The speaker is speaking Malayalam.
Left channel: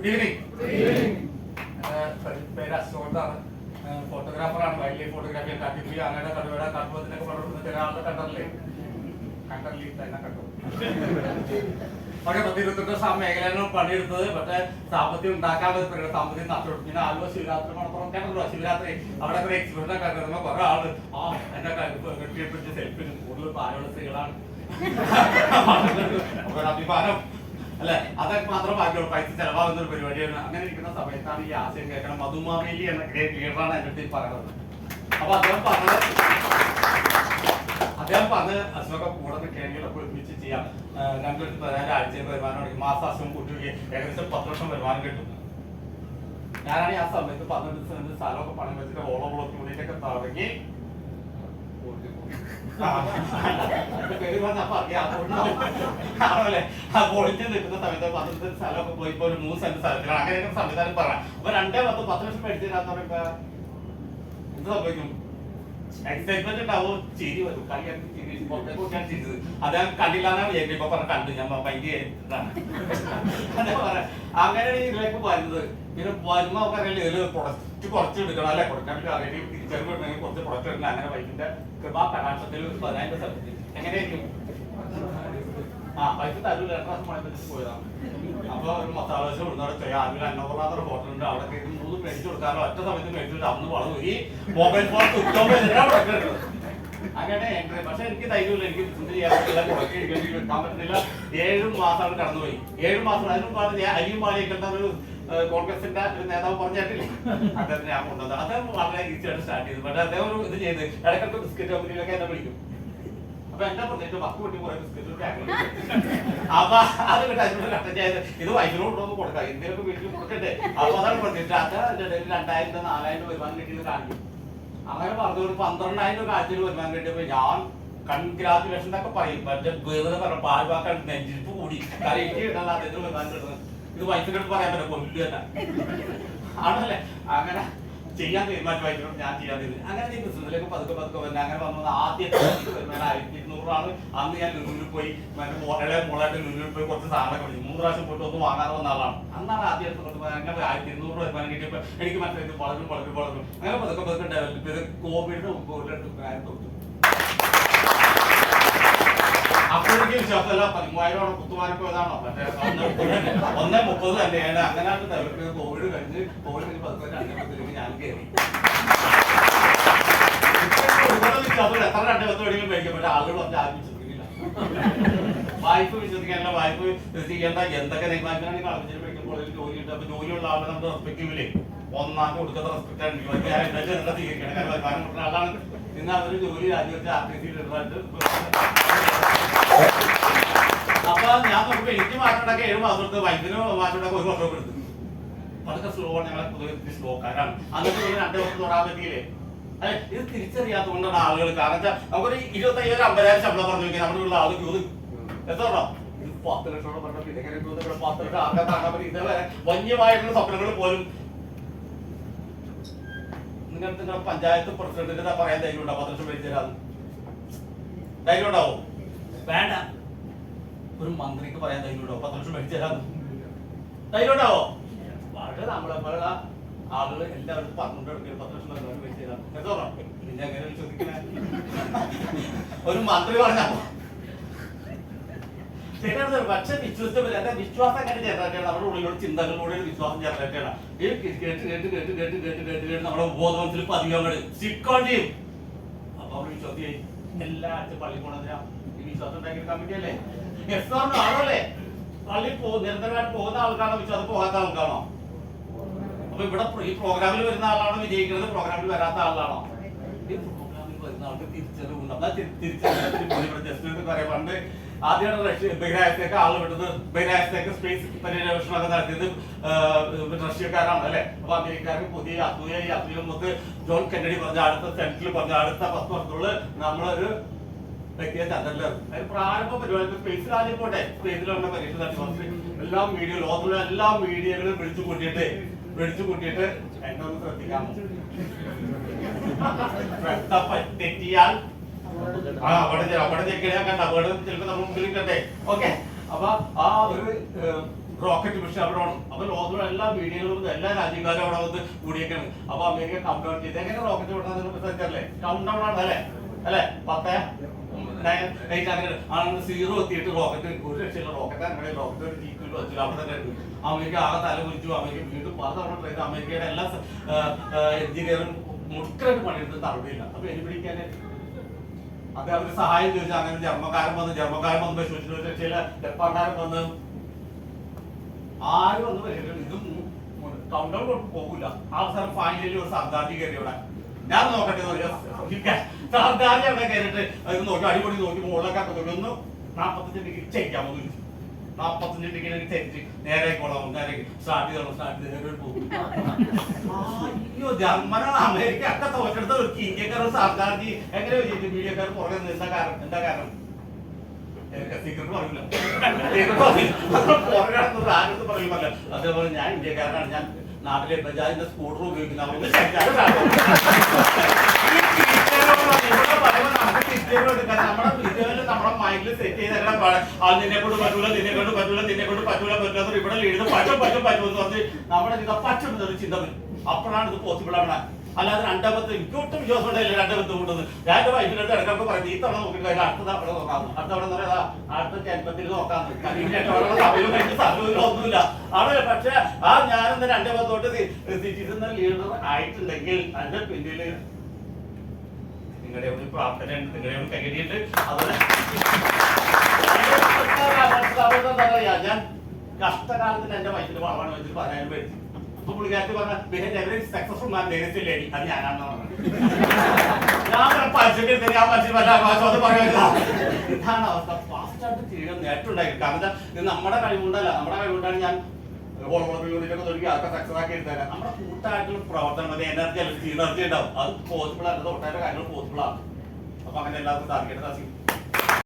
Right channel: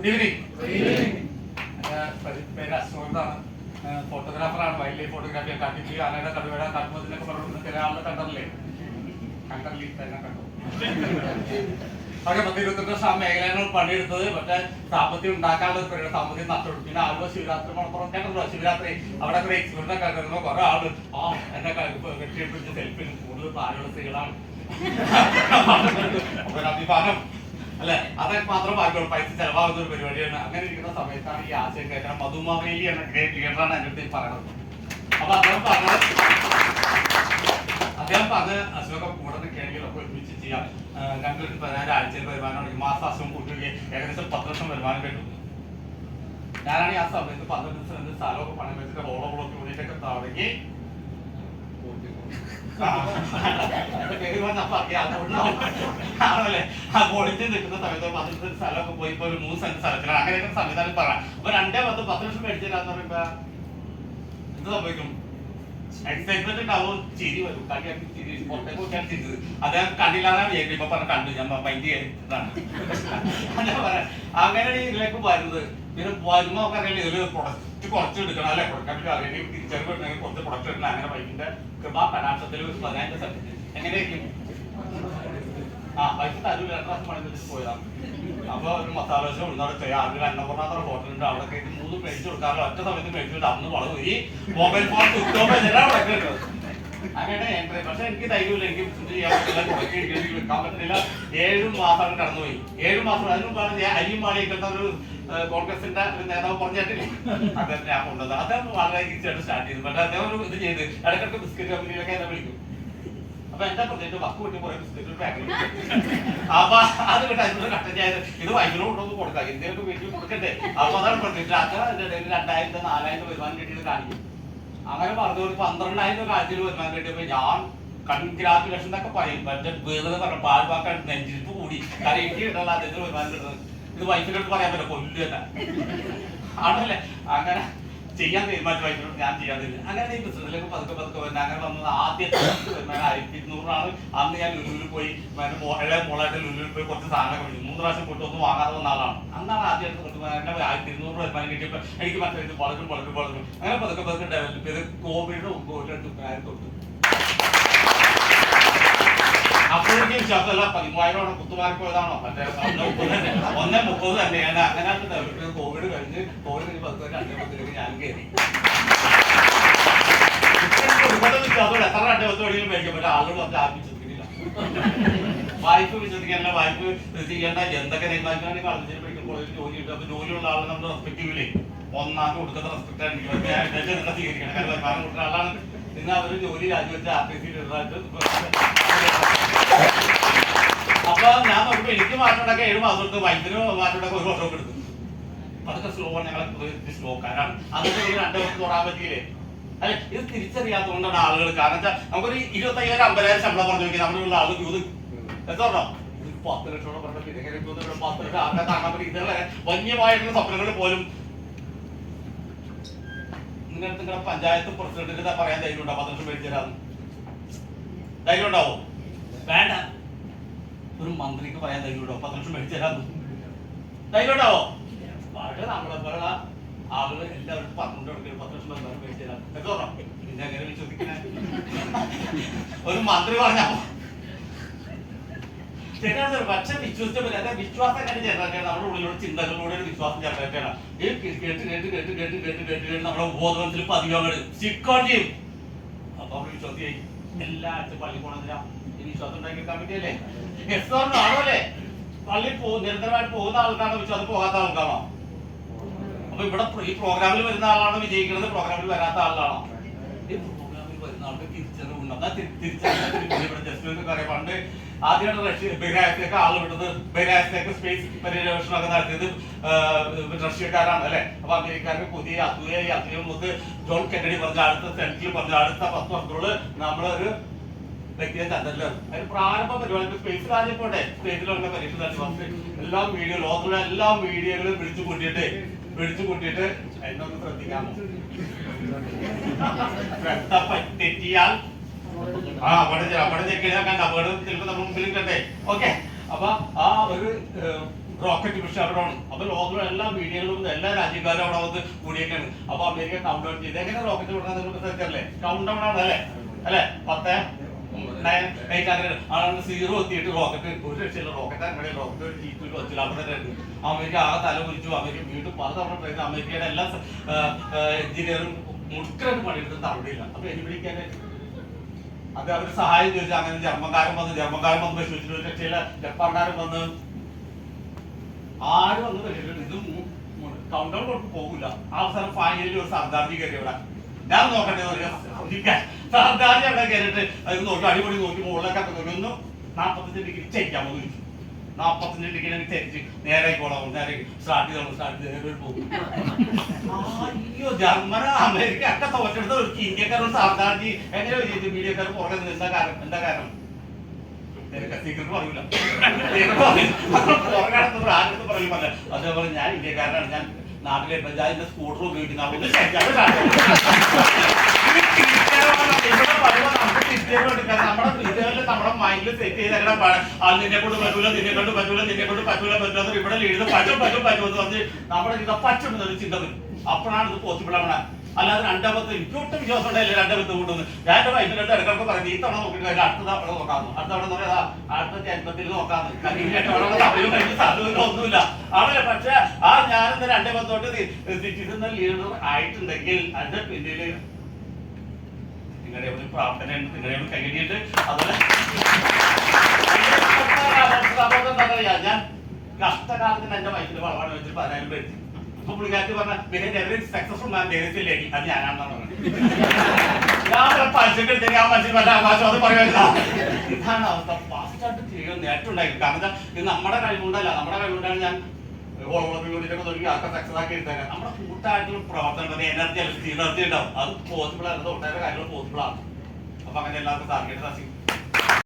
Good evening. പേര് അശോകനാണ്, ഫോട്ടോഗ്രാഫറാണ്. വൈൽഡ് ലൈഫ് ഫോട്ടോഗ്രാഫി കാട്ടിപ്പുലി ആനയുടെ കടുവയുടെ കടുവത്തിനൊക്കെ പലർത്തുന്ന ചില ആളുടെ കണ്ടറില്ലേ, കണ്ടറിൽ തന്നെ കണ്ടു. പക്ഷെ 10-21 ആ മേഖലകൾ പണിയെടുത്തത്. പക്ഷെ സാമ്പത്തികം ഉണ്ടാക്കാനുള്ള പരിപാടി സാമ്പത്തികം നഷ്ടപ്പെട്ടു. പിന്നെ ആലുവ ശിവരാത്രി മണപ്പുറം കണ്ടല്ലോ, ശിവരാത്രി അവിടെ കുറെ എക്സ്പെരിമെന്റ് കണ്ടിരുന്നു. കുറെ ആള് എന്റെ വെട്ടിയെടുപ്പിച്ച് സെൽഫി കൂടുതൽ പ്രായമുള്ള സ്ത്രീകളാണ്. അഭിമാനം അല്ലെ, അതൊക്കെ മാത്രം ബാക്കിയുള്ള പൈസ ചെലവാകുന്ന ഒരു പരിപാടിയാണ്. അങ്ങനെ ഇരിക്കുന്ന സമയത്താണ് ഈ ആശയം കേൾക്കാൻ മധുമാവേലി എന്ന ലീഡറാണ് എൻ്റെ അടുത്ത് പറയുന്നത്. അപ്പൊ അദ്ദേഹം പറഞ്ഞ് അശോക കൂടെ കേരളീയതൊക്കെ ഒരുമിച്ച് ചെയ്യാം, 2-14 ആഴ്ചയിൽ വരുമാനം, മാസാശം കൂട്ടി ഏകദേശം 10 ലക്ഷം വരുമാനം കിട്ടും. ഞാനാണ് ആ സമയത്ത് 12 സെന്റ് സ്ഥലമൊക്കെ പണം വെച്ചിട്ട് ഓളം കൂടിയിട്ടൊക്കെ തുടങ്ങി പൊളിച്ച് നിൽക്കുന്ന സമയത്ത് 12 സെന്റ് സ്ഥലമൊക്കെ പോയി ഇപ്പൊ ഒരു 3 സെന്റ് സ്ഥലത്തിലാണ്. അങ്ങനെയൊക്കെ സംവിധാനം പറയാം. അപ്പൊ 2-10 ലക്ഷം മേടിച്ചില്ലാന്ന് പറയുമ്പോ എന്ത് സംഭവിക്കും? എക്സൈറ്റ്മെന്റ് ഉണ്ടാവും, ചിരി വരും. ചിരി പുറത്തേക്ക് നോക്കിയാണ് ചിരിച്ചത്. അദ്ദേഹം കണ്ടില്ലാന്നാണ് ഞാൻ ഇപ്പൊ പറഞ്ഞ കണ്ടു, ഞാൻ മൈൻഡ് ചെയ്തതാണ്. അങ്ങനെയാണ് ഇതിലേക്ക് വരുന്നത്. പിന്നെ വരുമ്പോ നമുക്ക് അറിയില്ല, ഇതില് പ്രൊഡക്റ്റ് കുറച്ച് എടുക്കണം അല്ലെ, കൊടുക്കാൻ അറിയാം, തിരിച്ചറിവ് കുറച്ച് പ്രൊഡക്റ്റ് എടുക്കണം. അങ്ങനെ വൈകിന്റെ കൃപാ കടാക്ഷത്തിൽ 15 സബ്ജക്ട് എങ്ങനെയായിരിക്കും? പൈസ തരൂല, 2 പ്രാവശ്യം മണി വെച്ച് പോയതാണ്. അപ്പൊ ഒരു മസാല ദോശ ഉള്ളവിടെ ചെയ്യാം. അതിൽ അന്നപൂർണ്ണ ഹോട്ടലുണ്ട്, അവിടെ കയറി 3 പ്ലേറ്റ് കൊടുക്കാറോ ഒറ്റ സമയത്ത് പ്ലേറ്റ് അന്ന് വളവ് ഈ മൊബൈൽ ഫോൺ അങ്ങനെ എൻട്രി. പക്ഷെ എനിക്ക് ധൈര്യമില്ല, എനിക്ക് ബിസിനസ് ചെയ്യാൻ പറ്റില്ല, കുറയ്ക്ക് എനിക്ക് വെക്കാൻ പറ്റില്ല. 7 മാസമാണ് കടന്നുപോയി. 7 മാസം അതിനും പറഞ്ഞ അരിയും മാളിയൊക്കെ ഒരു കോൺഗ്രസിന്റെ ഒരു നേതാവ് പറഞ്ഞിട്ടില്ല, അദ്ദേഹം ഞാൻ കൊണ്ടുവന്നത്. അദ്ദേഹം വളരെ ഈസിയായിട്ട് സ്റ്റാർട്ട് ചെയ്തു. പക്ഷെ അദ്ദേഹം ഒരു ഇത് ചെയ്ത് ഇടയ്ക്കിടയ്ക്ക് ബിസ്ക്കറ്റ് കമ്പനിയിലൊക്കെ എന്നെ വിളിക്കും. അപ്പൊ എന്താ പറഞ്ഞിട്ട് വക്ക് വെട്ടി കുറെ ബിസ്ക്കറ്റ് പാക്കറ്റ്. അപ്പൊ അത് കട്ടഞ്ചായത് ഇത് വൈകിട്ട് കൊണ്ടുവന്ന് കൊടുക്കാം, എന്തെങ്കിലും വീട്ടിൽ കൊടുക്കട്ടെ. അപ്പൊ അതാണ് പറഞ്ഞിട്ട് അത്ര അതിന്റെ ഇടയിൽ 2000-4000 വരുമാനം കിട്ടിയത് കാണിക്കും. അങ്ങനെ പറഞ്ഞു ഒരു 12,000 കാര്യത്തിൽ വരുമാനം കിട്ടിയപ്പോ ഞാൻ കൺഗ്രാജുലേഷൻ എന്നൊക്കെ പറയും. പക്ഷെ വേറെ പറഞ്ഞു പാൽവാക്കാൻ നെഞ്ചിരിപ്പ് കൂടി. കാരണം എനിക്ക് കിട്ടുന്നത് അദ്ദേഹത്തിന് വരുമാനം കിട്ടുന്നത്. ഇത് വൈഫിനടുത്ത് പറയാൻ പറ്റില്ല, കൊല്ലു തന്നെ ആണല്ലേ. അങ്ങനെ ചെയ്യാൻ തീരുമാനിച്ചു വൈഫിനോട്, ഞാൻ ചെയ്യാൻ തരില്ല. അങ്ങനെ ഈ ബിസിനസ്സിലേക്ക് പതുക്കെ വരുന്നത്. അങ്ങനെ വന്നത് ആദ്യത്തെ വരുമാനം 1200 അന്ന് ഞാൻ ലുലുവിൽ പോയി, മോളായിട്ട് ലുലുവിൽ പോയി കുറച്ച് സാധനങ്ങളൊക്കെ മേടിച്ചു. 3 പ്രാവശ്യം പോയിട്ട് ഒന്നും വാങ്ങാതെ വന്ന ആളാണ്. അന്നാണ് ആദ്യമായിട്ട് 1200 വരുമാനം കിട്ടിയപ്പോൾ എനിക്ക് മനസ്സിലായി വളരും. അങ്ങനെ പതുക്കെ ഡെവലപ്പ് ചെയ്ത് കോവിഡിന്റെ മുമ്പ് തൊട്ടു. അപ്പോഴേക്കും വിശ്വാസമല്ല, 13,000 കുത്തുമാരി പോയതാണോ മറ്റേ 1:30 തന്നെയാണ്. അങ്ങനെയാണ് ഡെവലപ്പ് ചെയ്ത് കോവിഡ് കഴിഞ്ഞ് പതുക്കെ 2:10 ഞാൻ കയറി. ഒരുപാട് വിശ്വാസം എത്ര 2:10 വഴിയും മേടിക്കാൻ പറ്റില്ല. ആളുകൾ പറഞ്ഞ് ആരും വിശ്വസിക്കുന്നില്ല. വായ്പ വിശ്വസിക്കാനല്ല, വായ്പ ചെയ്യേണ്ട എന്തൊക്കെ തീരുമാനിക്കാണെങ്കിൽ കളഞ്ഞിട്ട് പഠിക്കുമ്പോൾ ജോലി കിട്ടും. അപ്പൊ ജോലിയുള്ള ആളെ നമ്മൾ റെസ്പെക്ട് ചെയ്യില്ലേ, ഒന്നാം കൊടുക്കുന്ന റെസ്പെക്ട് ആണ് സ്വീകരിക്കണം. കാരണം വരുമാനം കൊടുക്കുന്ന ആളാണ്. ഇന്ന് അവര് ജോലി രാജിവെച്ച് ആർട്ടിസിയിലിരുന്നിട്ട് അപ്പൊ ഞാൻ നോക്കുമ്പോ എനിക്ക് മാറ്റമുണ്ടാക്കി 7 മാസം എടുത്ത്, വൈദ്യുതി മാറ്റമുണ്ടാക്കി 1 വർഷം എടുത്തു. അതൊക്കെ സ്ലോ ആണ്, ഞങ്ങളെ പൊതുവെ സ്ലോക്കാരാണ്. അന്നത്തെ 2 ദിവസം തൊടാൻ പറ്റിയില്ലേ? അല്ലെ, ഇത് തിരിച്ചറിയാത്തതുകൊണ്ടാണ് ആളുകൾ. കാരണം വെച്ചാൽ നമുക്കൊരു 25,000-50,000 ശമ്പളം പറഞ്ഞു നോക്കി നമ്മളുള്ള ആൾ എത്ര പറഞ്ഞോ 10 ലക്ഷം പറഞ്ഞു. 10 ലക്ഷം ആർക്കാ താങ്ങാൻ പറ്റും? ഇതുപോലെ വന്യമായിട്ടുള്ള സ്വപ്നങ്ങൾ പോലും നിങ്ങൾക്ക് പഞ്ചായത്ത് പ്രസിഡന്റിന് പറയാൻ ധൈര്യം ഉണ്ടാവും 10 ലക്ഷം മേടിച്ചാൽ ധൈര്യം ഉണ്ടാവും? വേണ്ട. ഒരു മന്ത്രിക്ക് പറയാൻ ധൈര്യം ഉണ്ടാവും 10 ലക്ഷം മേടിച്ചാൽ ധൈര്യം ഉണ്ടാവോ? വളരെ നമ്മളെപ്പോലുള്ള ആളുകൾ എല്ലാവർക്കും പറഞ്ഞുകൊണ്ടെടുക്കും 10 ലക്ഷം മേടിച്ചാൽ എന്തോ പിന്നെ എങ്ങനെ വിശ്വസിക്കണേ? ഒരു മന്ത്രി പറഞ്ഞാൽ ശരിയാണ്. പക്ഷെ വിശ്വസിച്ച വിശ്വാസം എങ്ങനെ ജനറേറ്റ് നമ്മുടെ ഉള്ളിലുള്ള ചിന്തകളിലൂടെ ഒരു വിശ്വാസം ജനറേറ്റ് ചെയ്യണം. കേട്ട് നമ്മുടെ ബോധത്തിൽ പതിയോ സിക്കോൺ ചെയ്യും. അപ്പൊ അവർ വിശ്വാസിയായി. എല്ലാ ആഴ്ച പള്ളി പോണെന്തിനാ? ഈ വിശ്വാസം ഉണ്ടാക്കി കമ്മിറ്റിയല്ലേ? ആണല്ലേ? പള്ളി നിരന്തരമായിട്ട് പോകുന്ന ആൾക്കാണോ വിശ്വാസം പോകാത്ത ആൾക്കാണോ? അപ്പൊ ഇവിടെ ഈ പ്രോഗ്രാമിൽ വരുന്ന ആളാണോ വിജയിക്കുന്നത്, പ്രോഗ്രാമിൽ വരാത്ത ആളാണോ? പ്രോഗ്രാമിൽ വരുന്ന ആൾക്ക് തിരിച്ചറിവുണ്ടാവും. തിരിച്ചറിവ് പറയാം. പണ്ട് ആദ്യമായിട്ട് ബഹിരാകാശത്തേക്ക് ആൾ വിടുന്നത്, ബഹിരാകാശത്തേക്ക് സ്പേസ് പര്യവേഷണമൊക്കെ നടത്തിയത് റഷ്യക്കാരാണ് അല്ലെ. അപ്പൊ അമേരിക്കാർക്ക് പുതിയ അസൂയ മുത്ത് ജോൺ കെന്നഡി പറഞ്ഞ അടുത്ത സെൻട്രൽ പറഞ്ഞ അടുത്ത 10 വർഷത്തിനുള്ളിൽ നമ്മളൊരു വ്യക്തിയെ ചന്ദ്രനിലാണ്. അതിന് പ്രാരംഭ പരിപാടി സ്പേസ് രാജ്യം പോട്ടെ, സ്പേസിലുള്ള പരീക്ഷ നടത്തി എല്ലാ വീഡിയോ ലോകത്തുള്ള എല്ലാ വീഡിയോകളും പിടിച്ചു കൂട്ടിയിട്ട് എന്നൊന്ന് ശ്രദ്ധിക്കാമോ? തെറ്റിയാൽ അവിടെ ചെക്കിയാൽ കണ്ട അവിടെ ചിലപ്പോൾ നമ്മുടെ മുമ്പിൽ കണ്ടേ. ഓക്കെ, അപ്പൊ ആ ഒരു റോക്കറ്റ് മിഷൻ അവിടെ ആണ്. അപ്പൊ ലോകത്തിലുള്ള എല്ലാ മീഡിയകളും എല്ലാ രാജ്യക്കാരും അവിടെ വന്ന് കൂടിയൊക്കെയാണ്. അപ്പൊ അമേരിക്ക കൗണ്ട് ഡൗൺ ചെയ്ത് എങ്ങനെ റോക്കറ്റ് വിടാൻ കൗണ്ട് ഡൗൺ ആണ് അല്ലേ 10 9 8 അങ്ങനെ ആണ് 0 എത്തിയിട്ട് റോക്കറ്റ് ഒരു രക്ഷയില്ല. റോക്കറ്റ് അങ്ങനെ റോക്കറ്റ് ജീപ്പിൽ വെച്ചില്ല അവിടെ തന്നെ അമേരിക്ക ആകെ തല വിളിച്ചു. അമേരിക്ക വീണ്ടും പലതവണ ട്രെയിൻ അമേരിക്കയുടെ എല്ലാ എഞ്ചിനീയറും മുഴുക്കനായിട്ട് പണിയെടുത്ത് നടപടിയില്ല. അപ്പൊ എനിപ്പിടിക്കാൻ അത് അവര് സഹായം ചോദിച്ചു. അങ്ങനെ ജർമ്മക്കാരൻ വന്ന് പരിശോധിച്ചു. രക്ഷയില്ല. ജപ്പാൻകാരൻ വന്ന് ആരും വന്ന് പരിശോധിച്ചു. ഇതും കൗണ്ട് ഡൗൺ പോകില്ല. അവസാനം ഫൈനലി ഒരു സർദാർജി കയറി അവിടെ. ഞാൻ നോക്കട്ടെ സർദാർജി അവിടെ കയറിയിട്ട് അത് നോക്കി അടിപൊളി നോക്കി മുകളിലൊക്കെ നോക്കി ഒന്ന് 45 ഡിഗ്രി ചരിക്കാമോ ചോദിച്ചു. 45 ഡിഗ്രി ചരിച്ച് നേരെ പോകണം. നേരെ സ്റ്റാർട്ട് ചെയ്തോളൂ പോകും. അയ്യോ ജർമ്മന അമേരിക്ക ഒക്കെ തോറ്റെടുത്ത ഒരു ഇന്ത്യക്കാരോട് സർദാർജി എങ്ങനെ ചോദിച്ചു. മീഡിയക്കാർ പുറകെ എന്താ കാരണം സീക്രട്ട് പറയില്ല. പുറകെ ആരും പറയുമല്ല. അതേപോലെ ഞാൻ ഇന്ത്യക്കാരനാണ്. ഞാൻ നാട്ടിലെ പഞ്ചായത്തിന്റെ സ്കൂട്ടർ ഉപയോഗിക്കുന്ന നമ്മുടെ മൈൻഡിൽ സെറ്റ് ചെയ്ത നിന്നെ കൊണ്ട് പറ്റൂല ഇവിടെ എഴുതും പറ്റും എന്ന് പറഞ്ഞ് നമ്മുടെ ചിന്ത പറ്റുന്നൊരു ചിന്ത വരും. അപ്പോഴാണ് ഇത് പോസിബിൾ ആണ്. അല്ലാതെ 2 എനിക്ക് ഒട്ടും വിശ്വാസം ഉണ്ടായില്ല. 2 കൊണ്ടുവന്ന് ഞാൻ വൈകിട്ട് ഇടക്കിടക്ക് പറയും ഈ തവണ നോക്കിയിട്ട് അടുത്ത തവണ നോക്കാമെന്ന്. അടുത്ത തവണ പറയാ അടുത്ത ജന്മത്തിൽ നോക്കാമെന്ന്. ഒന്നുമില്ല അവിടെ. പക്ഷെ ഞാനിന്ന് 2 തൊട്ട് സിറ്റിസൺ ലീഡർ ആയിട്ടുണ്ടെങ്കിൽ അതിന്റെ പിന്നില് നിങ്ങളുടെ ഒരു പ്രാർത്ഥനയുണ്ട്. നിങ്ങളുടെ കൈകടിയിട്ട് അതുപോലെ ഞാൻ കഷ്ടകാലത്തിന് എന്റെ വയസ്സിൽ വളവാണ് വെച്ചിട്ട് 10,000 പേര്. അപ്പൊ പുള്ളിക്കാർക്ക് പറഞ്ഞ സക്സസ്ഫുൾ മാൻ ലേഡി അത് ഞാനാണെന്ന് പറഞ്ഞത്. ഞാൻ പഠിച്ചിട്ട് ആ മനുഷ്യൻ അത് പറയാനില്ല. ഇതാണ് അവസ്ഥ. ഫാസ്റ്റായിട്ട് ചെയ്യുക നേട്ടമുണ്ടായി. കാരണം ഇത് നമ്മുടെ കഴിവുകൊണ്ടല്ല. നമ്മുടെ കഴിവുകൊണ്ടാണ് ഞാൻ ഓളോളൊക്കെ തുടങ്ങി അതൊക്കെ സക്സസ് ആക്കി എടുത്തേക്കാം. നമ്മുടെ കൂട്ടായിട്ടുള്ള പ്രവർത്തനം എനർജി ഉണ്ടാവും. അത് പോസിബിൾ അല്ല. ഒട്ടേറെ കാര്യങ്ങൾ പോസിബിൾ ആണ്. അപ്പൊ അങ്ങനെ എല്ലാവർക്കും സാധിക്കേണ്ട